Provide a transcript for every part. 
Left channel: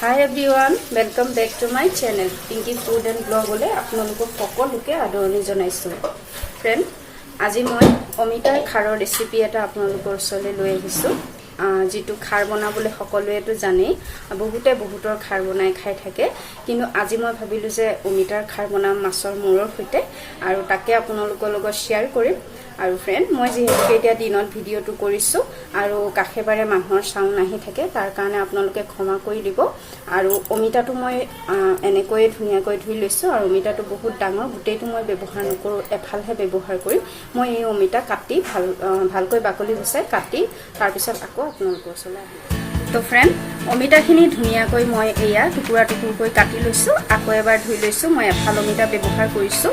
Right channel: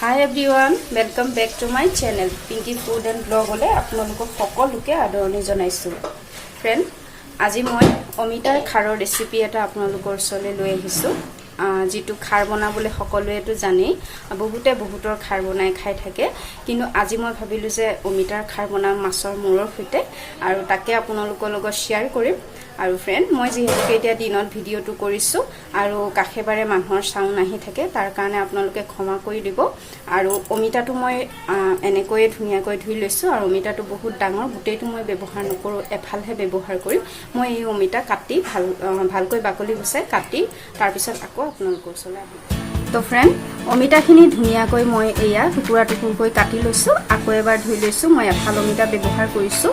Hi everyone, welcome back to my channel Pinky Food and Blog ole apnalok সকলোকে আদৰণি জনাইছো friend আজি মই অমিতাৰ খাৰৰ ৰেচিপি এটা আপোনালোকৰ ওচৰলৈ লৈ আহিছো যেটো খাৰ বনাবলৈ সকলোৱেটো জানে বহুতৰ খাৰ বনাই খাই থাকে কিন্তু আজি মই ভাবিলো যে অমিতাৰ খাৰ বনাম মাছৰ মূৰৰ সৈতে আৰু তাকে আপোনালোকৰ লগত শেয়াৰ কৰিম আৰু ফ্ৰেন্ড মই যেহেতু এতিয়া দিনত ভিডিওটো কৰিছো আৰু কাখেবাৰে মানুহৰ সাউণ্ড নাহি থাকে তাৰ কাৰণে আপোনালোকে ক্ষমা কৰি দিব আৰু অমিতাটো মই এনেকৈ ধুনিয়াকৈ ধুই লৈছো আৰু অমিতাটো বহুত ডাঙৰ গুটেটো মই ব্যৱহাৰ নকৰো এফালহে ব্যৱহাৰ কৰি মই এই অমিতা কাটি ভালকৈ বাকলি গুচাই কাটি তাৰ পিছত আকৌ আপোনালোকৰ ওচৰলৈ আহিম তো ফ্ৰেন্ড অমিতাখিনি ধুনিয়াকৈ মই এয়া টুকুৰা-টুকুৰকৈ কাটি লৈছো আকৌ এবাৰ ধুই লৈছো মই এফাল অমিতা ব্যৱহাৰ কৰিছো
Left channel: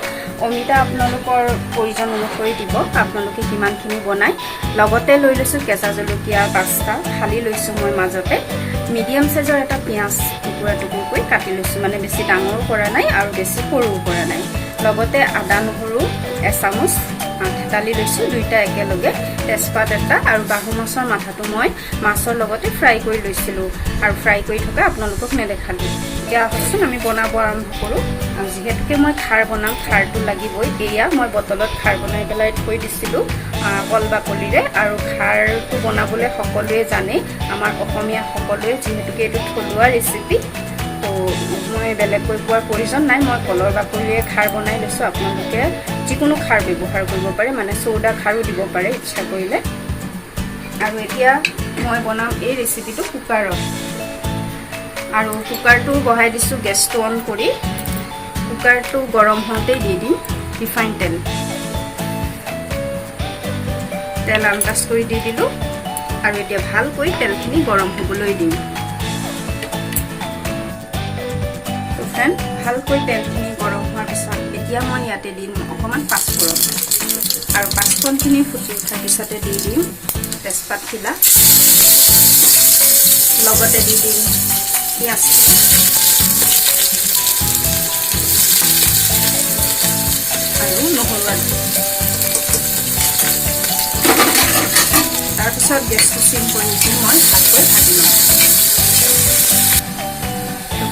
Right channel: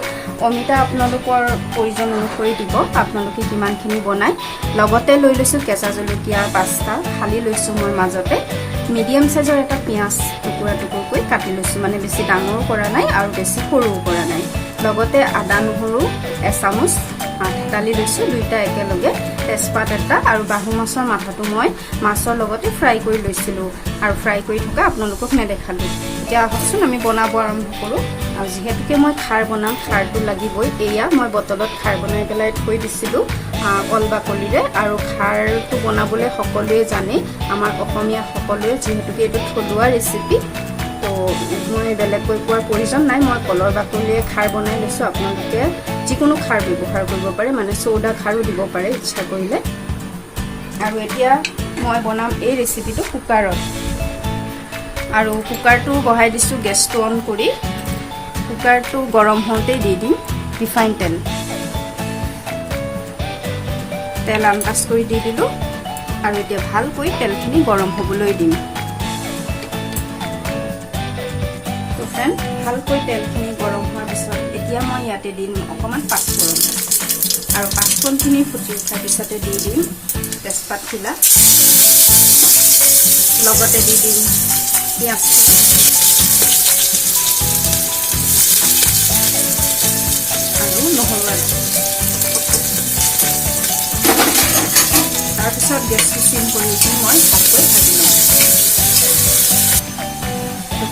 অমিতা আপোনালোকৰ প্ৰয়োজন অনুসৰি দিব আপোনালোকে কিমানখিনি বনাই লগতে লৈ লৈছো কেঁচা জলকীয়া পাঁচটা খালি লৈছো মই মাজতে মিডিয়াম সাইজৰ এটা পিয়াজ টুকুৰা-টুকুৰকৈ কাটি লৈছো মানে বেছি ডাঙৰ কৰা নাই আৰু বেছি সৰুও কৰা নাই লগতে আদা নহৰু এচামুচ দালি লৈছো দুইটা একেলগে তেজপাত এটা আৰু বাহু মাছৰ মাথাটো মই মাছৰ লগতে ফ্ৰাই কৰি লৈছিলো আৰু ফ্ৰাই কৰি থকা আপোনালোকক নেদেখালো এতিয়া হচোন আমি বনাব আৰম্ভ কৰো আৰু যেহেতুকে মই খাৰ বনাম খাৰটো লাগিবই এয়া মই বটলত খাৰ বনাই পেলাই থৈ দিছিলো কল বাকলিৰে আৰু খাৰটো বনাবলৈ সকলোৱে জানে আমাৰ অসমীয়া সকলোৱে যেহেতুকে এটো থলুৱা ৰেচিপি তো মই বেলেগকৈ কোৱাৰ প্ৰয়োজন নাই মই কলৰ বাকলিৰে খাৰ বনাই লৈছো আপোনালোকে যিকোনো খাৰ ব্যৱহাৰ কৰিব পাৰে মানে সোডা খাৰো দিব পাৰে ইচ্ছা কৰিলে আৰু এতিয়া মই বনাম এই ৰেচিপিটো কুকাৰত আৰু কুকাৰটো বহাই দিছো গেছটো অন কৰি কুকাৰটো গৰম হওঁতে দি দিম ৰিফাইন তেল আন্দাজ কৰি দি দিলো আৰু এতিয়া ভালকৈ তেলখিনি গৰম হ'বলৈ দিম তো ফ্ৰেন্ড ভালকৈ তেলখিনি গৰম হোৱাৰ পিছত এতিয়া মই ইয়াতে দিম অকমান পাঁচফোৰণ আৰু পাঁচফোৰণখিনি ফুটি উঠাৰ পিছতে দি দিম তেজপাত খিলা লগতে দি দিম পিয়াজ আৰু নহৰু তাৰপিছত গেছটো সিম কৰি মই ভালকৈ ভাজি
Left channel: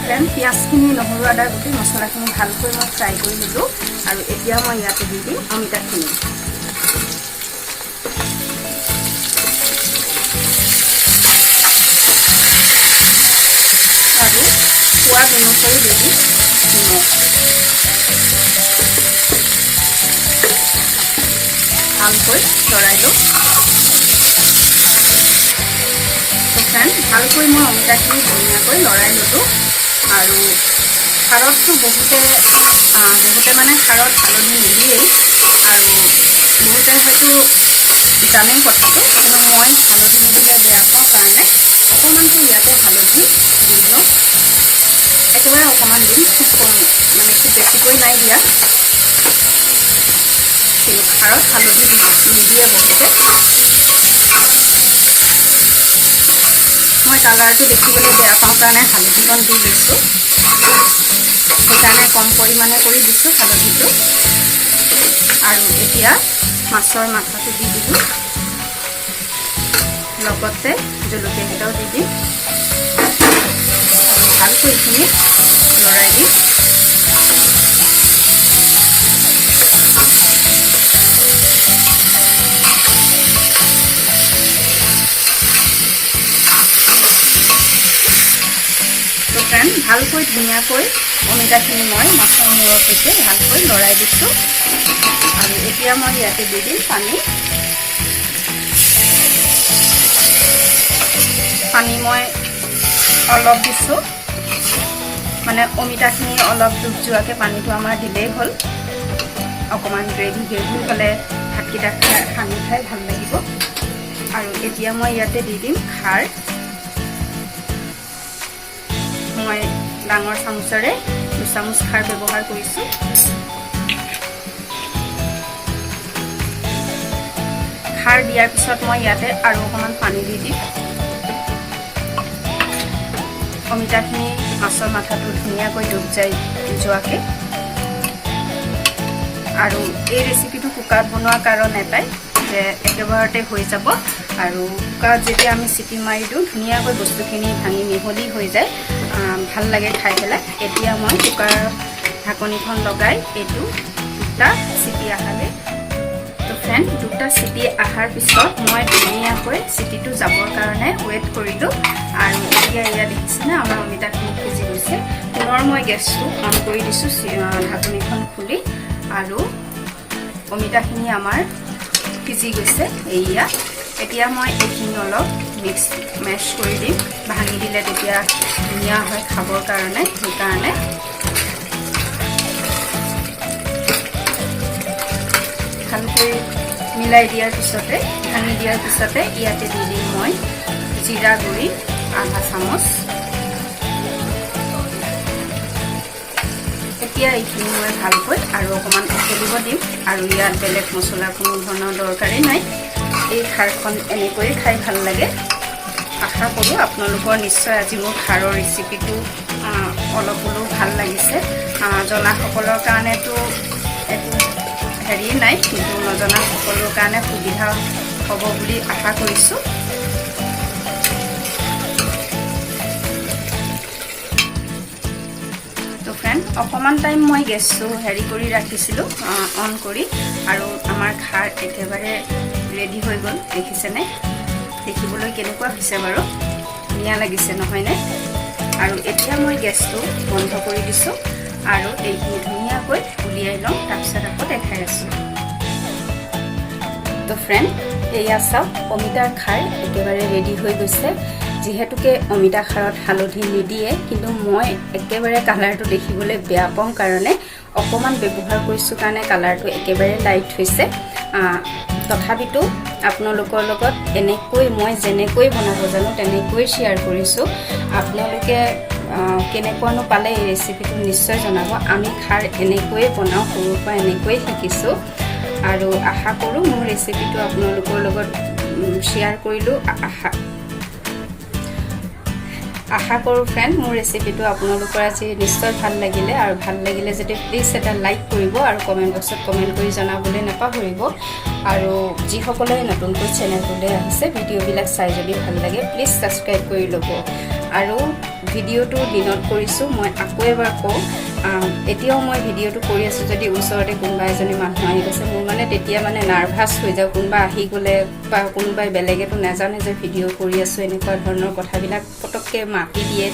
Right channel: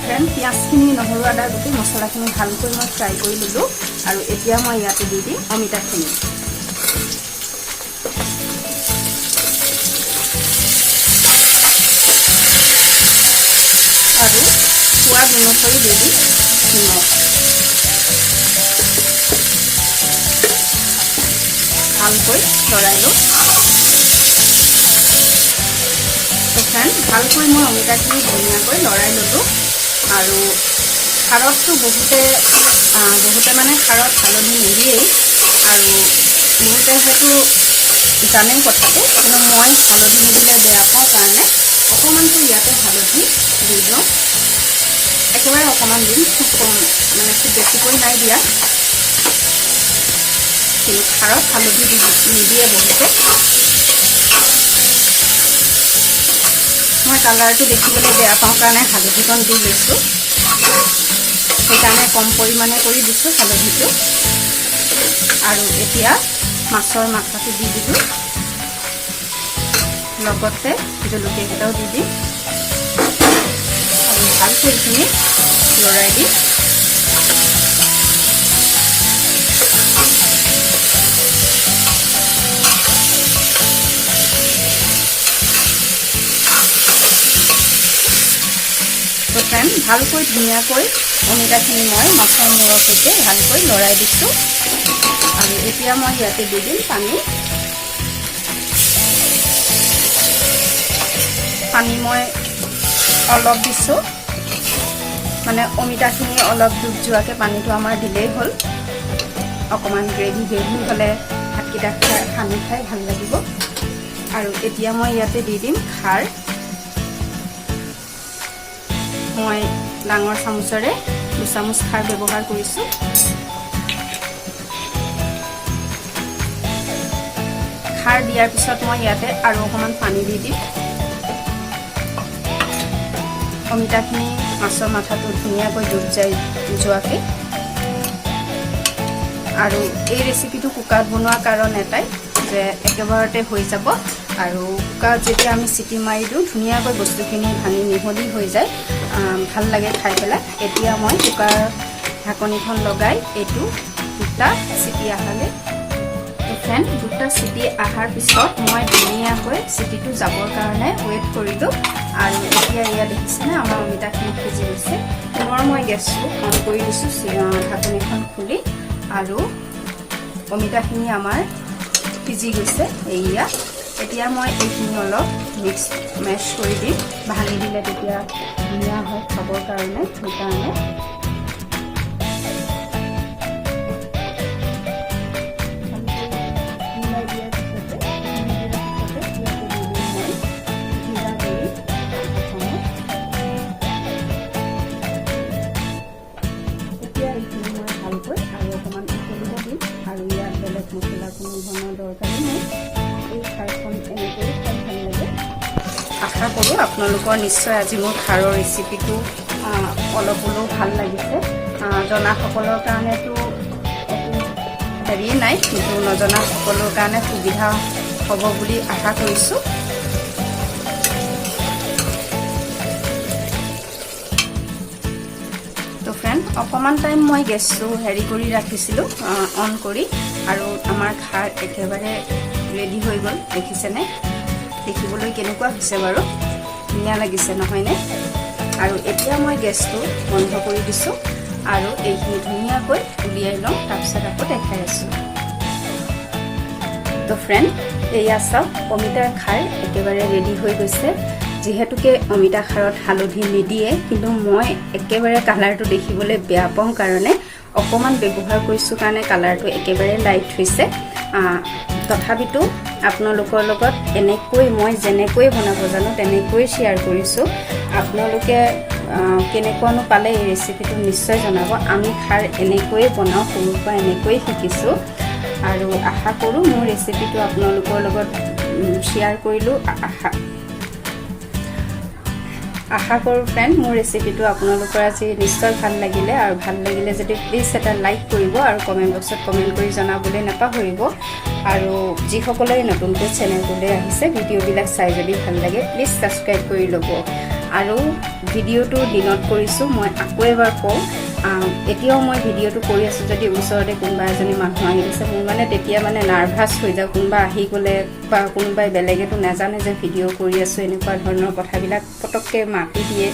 লম পিয়াজখিনি নহৰু আদা গোটেই মছলাখিনি ভালকৈ মই ফ্ৰাই কৰি ললো আৰু এতিয়া মই ইয়াতে দি দিম অমিতাখিনি আৰু সোৱাদ অনুসৰি দি দিম নিমখ ভালকৈ লৰাই লওঁ ভালকৈ মই অমিতাখিনি ধুনীয়াকৈ লৰাই ললো আৰু খাৰতটো বহুতে মানে খাৰত হালধি নিদিয়েই আৰু বহুতে হয়তো জানে কথাটো কিন্তু মই হালধি নিদিলে বেয়া পাওঁ কাৰণে অকণমানটো ইয়াতে হালধি দি দিওঁ একেবাৰে অকণমান দিম খুব কম মানে খুব বেছিকৈ নাই দিয়া কিন্তু খাৰত হালধি নিদিয়ে বহুতে মই কালাৰটো দেখিবলৈ বেয়া পাওঁ কাৰণে হালধিকণ দি লৈছো সেইকাৰণে কম পৰিমাণে কৰি দিছো হালধিটো আৰু এতিয়া মাছৰ মাথাটো দি দিলো লগতে জলকীয়া কেইটাও দি দিম আৰু ভালকৈ এইখিনি লৰাই দিম ভালকৈ ধুনীয়াকৈ অমিতাখিনি মই মাছৰ মূৰৰ সৈতে ভালকৈ লৰাই দিছো আৰু এতিয়া মই ইয়াতে দি দিম পানী মই অলপ দিছো মানে অমিতাখিনি অলপ ডুব যোৱাকৈ পানীটো আমাৰ দিলেই হ'ল অকণমান গ্ৰেভি হ'লে ভাতকেইটা সানি খাই ভাল লাগিব আৰু এতিয়া মই ইয়াতে দি দিম খাৰ মই ডাঙৰ চামুচেৰে 2 চামুচ খাৰ ব্যৱহাৰ কৰিছো খাৰ দিয়াৰ পিছত মই ইয়াতে আৰু অকণমান পানী দি দিম অমিতাখিনি মাছৰ মাথাটো ধুনীয়াকৈ ডুব যোৱাকৈ আৰু এই ৰেচিপিটো কুকাৰত বনোৱাৰ কাৰণ এটাই যে একেবাৰতে হৈ যাব আৰু কুকাৰত যেতিয়া আমি চিটি মাৰি দিওঁ ধুনীয়াকৈ বস্তুখিনি ভাঙি মিহলি হৈ যায়, ভাল লাগে খাই পেলাই। এতিয়া মই কুকাৰ ঢাকনিখন লগাই এইটো 2টা চিটি আহালে, ফ্ৰেণ্ড 2টা চিটি অহাৰ পিছত মই ধুনীয়াকৈ চিটিটো যাবৰ কাৰণে ৱেইট কৰিলোঁ। আৰু এতিয়া এয়া দেখিছেনে আমাৰ অমিতাখিনি সিজি গৈছে। পুনৰ মই গেছটো অন কৰি দিছোঁ, ঢাকনিখন খুলি, আৰু অমিতাখিনি আমাৰ সিজি গৈছে। এয়া এতিয়া মই এইখিনি অলপ মেছ কৰি দিম, ভাঙি দিলে তেতিয়া ধুনীয়া হয় খাবৰ কাৰণে। সেইকাৰণে ভালকৈ মিলাই দিয়াৰ পিছতে, ভাঙি দিয়াৰ পিছতে ইয়াতে দি দিম মই জিৰা গুড়ি আধা চামুচ। এতিয়া এইখিনি মই ভালকৈ আৰু অকণমান উতলিব দিম, আৰু ইয়াত বেলেগ মছলা কোনো ধৰণৰ দৰকাৰেই নাই। এই খাৰখন এনেকৈ খাই ভাল লাগে। আশা কৰোঁ আপোনালোকৰ নিশ্চয় আজি মোৰ খাৰৰ ৰেচিপিটো অলপ হ'লেও ভাল লাগিছে। জনাসকলৰ কাৰণেতো একো হেৰি নাই, কিন্তু নজনা সকলৰ কাৰণে সুবিধা হ'ব বুলি আশা কৰিছোঁ। তো ফ্ৰেণ্ড অকণমান টাইম মই গেছটো হেৰি কৰি ৰাখিছিলোঁ, অন কৰি, আৰু আমাৰ খাৰ একেবাৰে ৰেডি হৈ গ'ল। দেখিছেনে? দেখিবলৈ কেনেকুৱা হৈছে বাৰু? ধুনীয়া লাগিছে নহয়নে? আৰু এতিয়া মই গেছটো বন্ধ কৰি দিছোঁ, আৰু এইখিনি ধুনীয়াকৈ উলিয়াই লওঁ, তাৰপিছত আকৌ দেখাই আছোঁ। তো ফ্ৰেণ্ড এয়া চাওক, অমিতাৰ খাৰ একেবাৰে ৰেডি হৈ গৈছে। যিহেতুকে অমিতা খাৰত হালধি নিদিয়ে, কিন্তু মই একেবাৰে কালাৰটো দেখিবলৈ বেয়া পাওঁ কাৰণে অকণমান ব্যৱহাৰ কৰিছোঁ কাৰণে কালাৰটো একেবাৰে লাইট হৈছে। তথাপিতো আপোনালোকৰ লগত এনেকৈ মই যেনেকৈ বনাব জানো তেনেকৈ শ্বেয়াৰ কৰিছোঁ। আপোনালোকে কেনেকুৱানো পালে এই ৰেচিপিটো নিশ্চয় জনাব। আমি খাৰ এনেকৈয়ে বনাওঁ, সৰুৰ পৰা এনেকৈয়ে শিকিছোঁ, আৰু আশা কৰোঁ মোৰ ৰেচিপিটো আপোনালোকৰ লগত শ্বেয়াৰ কৰিলোঁ। আশা কৰোঁ ফ্ৰেণ্ড মোৰ ৰেচিপিটো আপোনালোকৰ আজি নিশ্চয় ভাল লাগিলে, আৰু ভাল লাগিলে যদি প্লিজ এটা লাইক কৰিব, আৰু কমেণ্ট বক্সত কমেণ্ট কৰি জনাবলৈ নাপাহৰিব। আৰু যিসকলে নতুনকৈ চেনেলটোলৈ আহিছে, ভিডিঅ'বিলাক চাই যদি ভাল লাগে প্লিজ ছাবস্ক্ৰাইব কৰি ল'ব। আৰু ভিডিঅ'টো দিনত কৰিছোঁ, মই আকৌ এবাৰ কওঁ, এতিয়াও মই ভিডিঅ'টো কৰি আছোঁ যদি ওচৰতে কোনোবা এজনী মানুহ আহি গৈছে, মোৰ মানে তেতিয়া মানে নাৰ্ভাছ হৈ যাওঁ। কোনোবা আহি গ'লে বা কোনোবাই বেলেগেতো নাজানে যে ভিডিঅ' কৰি আছোঁ, এনেকুৱা ধৰণৰ কথাবিলাক পটককৈ মাতি দিয়ে।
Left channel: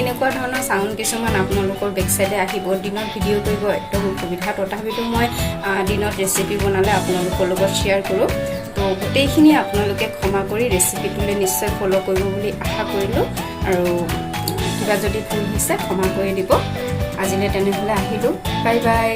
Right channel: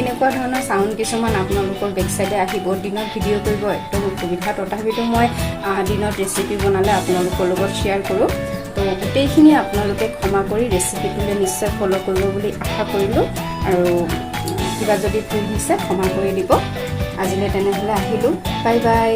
এনেকুৱা ধৰণৰ চাউণ্ড কিছুমান আপোনালোকৰ বেকচাইডে আহিব। দিনত ভিডিঅ' কৰিব একদম অসুবিধা, তথাপিতো মই দিনত ৰেচিপি বনালে আপোনালোকৰ লগত শ্বেয়াৰ কৰোঁ। তো গোটেইখিনি আপোনালোকে ক্ষমা কৰি ৰেচিপিটোলৈ নিশ্চয় ফ'ল' কৰিব বুলি আশা কৰিলোঁ, আৰু কিবা যদি ভুল হৈছে ক্ষমা কৰি দিব। আজিলৈ তেনেহ'লে আহিলোঁ, বাই বাই।